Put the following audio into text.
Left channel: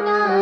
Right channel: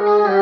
না